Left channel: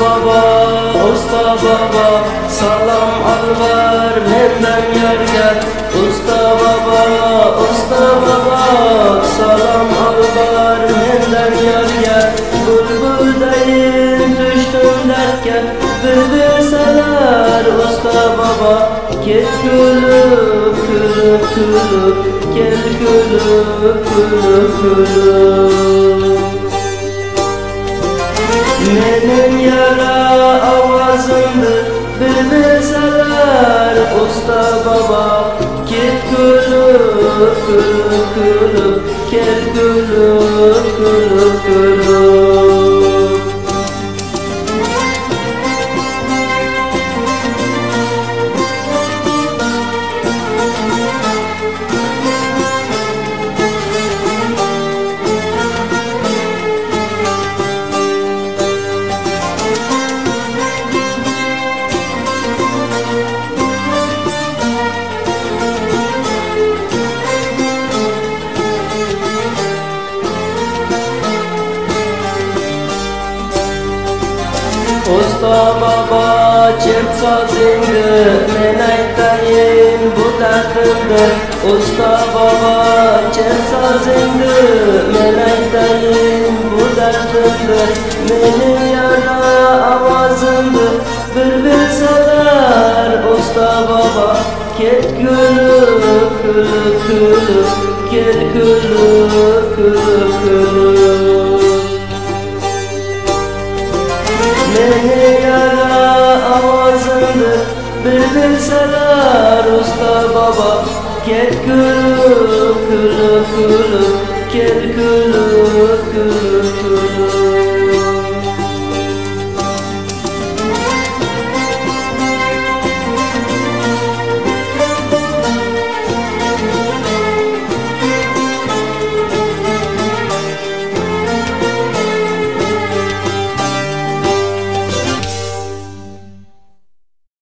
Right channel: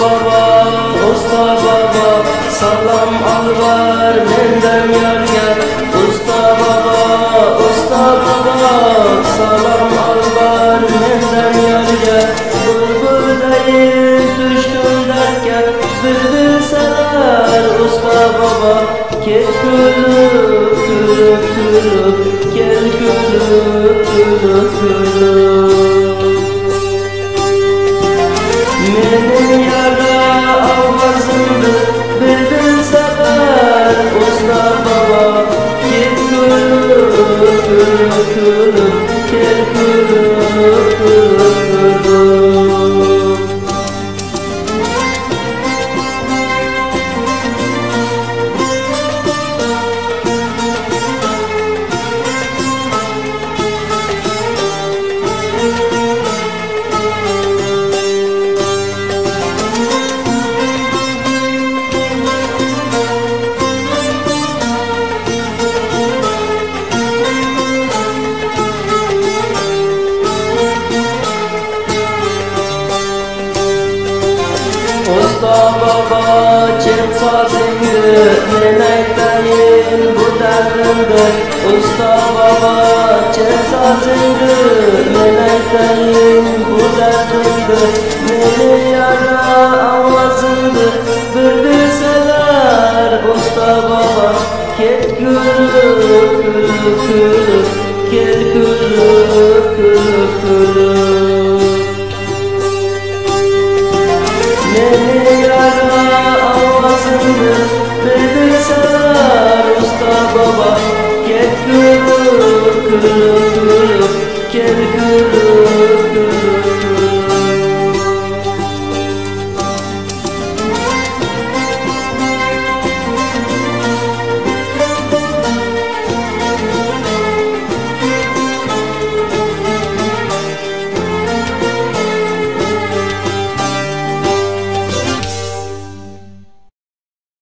baba, usta baba, salam alvar menden yarga. Usta baba, salam alvar menden yarga. Bulbuldayım düştüm dertke, bülbülseler usta baba. Ket gülüp gülüp gülüp, gel gülüp gülüp gülüp. Menin yara avazımdır, bülbülseler usta baba. Ket gülüp gülüp gülüp, gel gülüp gülüp gülüp. Usta baba çert sazingdi, men aytayin bu dardimdi. Usta baba çert sazingdi, men aytayin bu dardimdi. Meni yara avazimdi, bülbülseler usta baba. Ket gülüp gülüp gülüp, gel gülüp gülüp gülüp. Meni yara avazındır, bülbülseler usta baba. Ket gülüp gülüp gülüp, gel gülüp gülüp gülüp.